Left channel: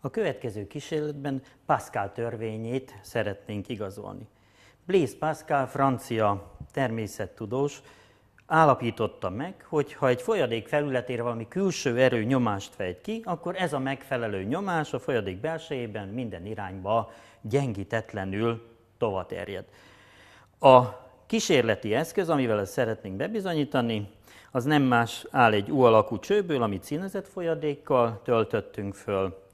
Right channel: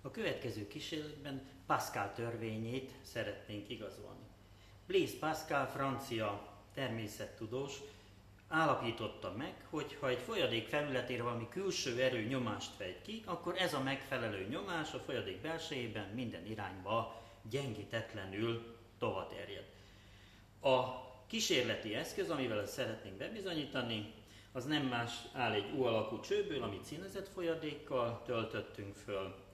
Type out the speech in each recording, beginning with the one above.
A következő kísérletben Pascal törvényét szeretnénk igazolni. Blaise Pascal, francia természettudós, állapította meg, hogy ha egy folyadék felületére valami külső erő nyomást fejt ki, akkor ez a megfelelő nyomás a folyadék belsejében minden irányba gyengítetlenül tovaterjed. A kísérleti eszköz, amivel ezt szeretnénk bebizonyítani, az nem más, áll egy U alakú csőből, amit színezett folyadékkal töltöttünk föl.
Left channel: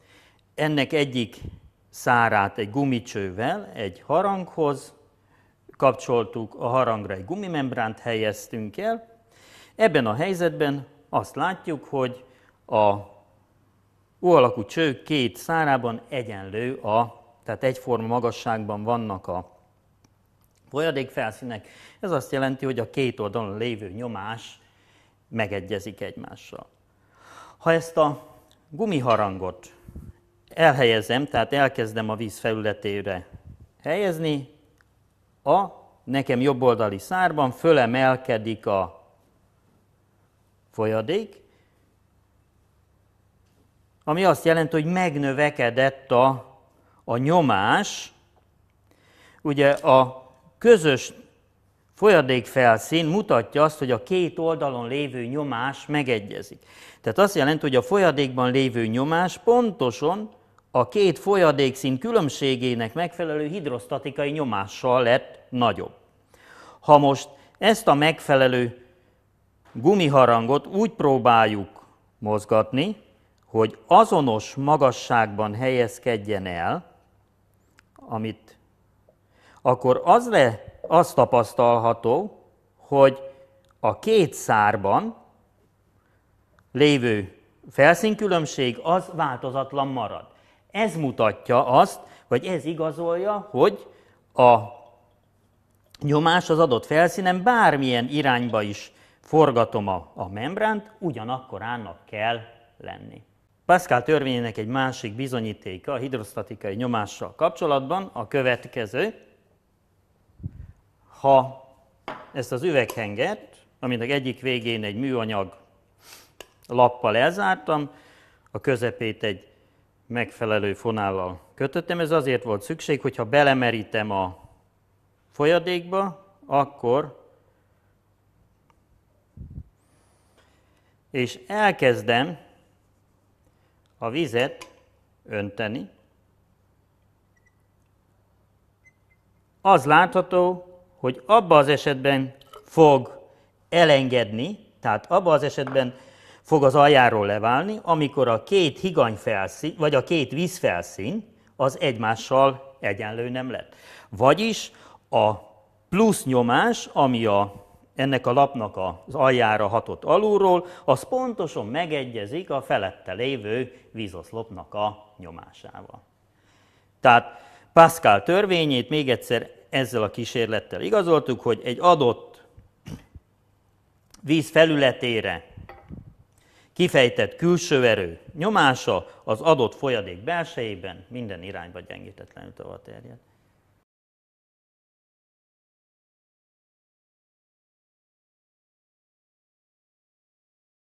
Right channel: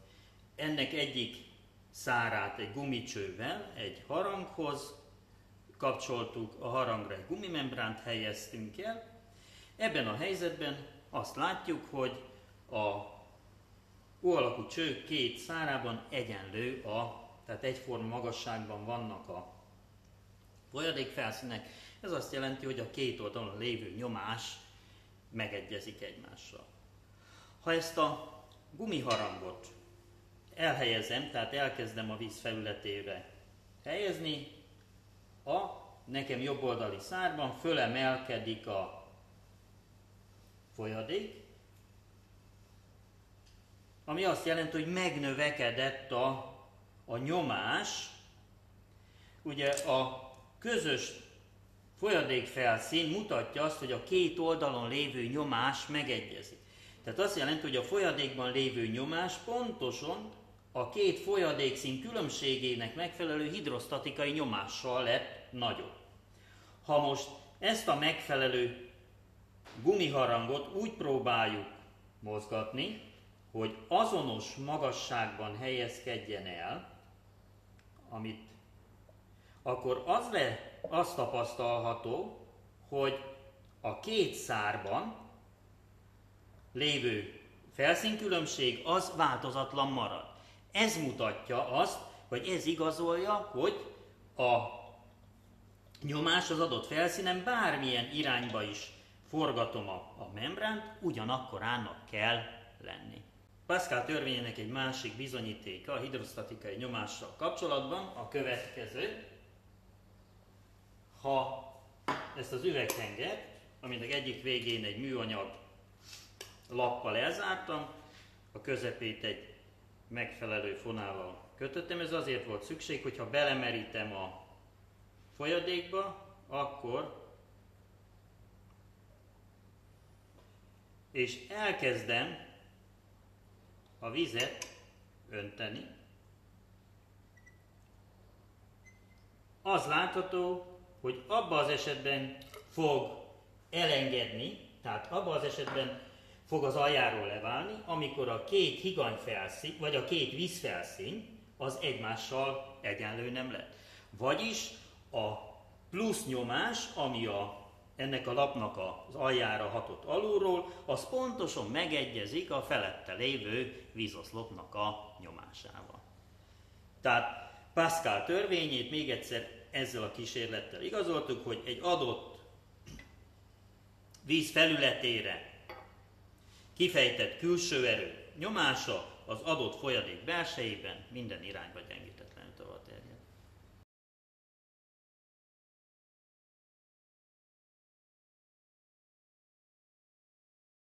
Ennek egyik szárát egy gumicsővel egy haranghoz kapcsoltuk, a harangra egy gumimembránt helyeztünk el. Ebben a helyzetben azt látjuk, hogy a U alakú cső két szárában egyenlő, tehát egyforma magasságban vannak a folyadékfelszínek. Ez azt jelenti, hogy a két oldalon lévő nyomás megegyezik egymással. Ha ezt a gumiharangot elhelyezem, tehát elkezdem a víz felületére helyezni, a nekem jobboldali szárban fölemelkedik a folyadék, ami azt jelenti, hogy megnövekedett a nyomás. Ugye a közös folyadékfelszín mutatja azt, hogy a két oldalon lévő nyomás megegyezik. Tehát azt jelenti, hogy a folyadékban lévő nyomás pontosan a két folyadékszín különbségének megfelelő hidrostatikai nyomással lett nagyobb. Ha most ezt a megfelelő gumiharangot úgy próbáljuk mozgatni, hogy azonos magasságban helyezkedjen el, akkor az tapasztalható, hogy a két szárban lévő felszínkülönbség az változatlan marad. Ez mutatja azt, vagy ez igazolja, hogy a nyomás az adott felszínen bármilyen irányba is forgatom a membránt, ugyanakkorának kell lenni. Pascal törvényének egy másik bizonyítéka a hidrostatikai nyomással kapcsolatban a következő. Ha ezt az üveghengert, aminek egyik végén egy műanyag lappal elzártam, a közepét egy megfelelő fonállal kötöttem, ez azért volt szükség, hogyha belemerítem a folyadékba, és elkezdem a vizet önteni, az látható, hogy abban az esetben fog elengedni, tehát abban az esetben fog az aljáról leválni, amikor a két higanyfelszín, vagy a két vízfelszín az egymással egyenlő nem lett. Vagyis a plusz nyomás, ami ennek a lapnak az aljára hatott alulról, az pontosan megegyezik a felette lévő vízoszlopnak a nyomásával. Tehát Pascal törvényét még egyszer ezzel a kísérlettel igazoltuk, hogy egy adott víz felületére kifejtett külső erő nyomása az adott folyadék belsejében minden irányba gyengítetlenül tovaterjed.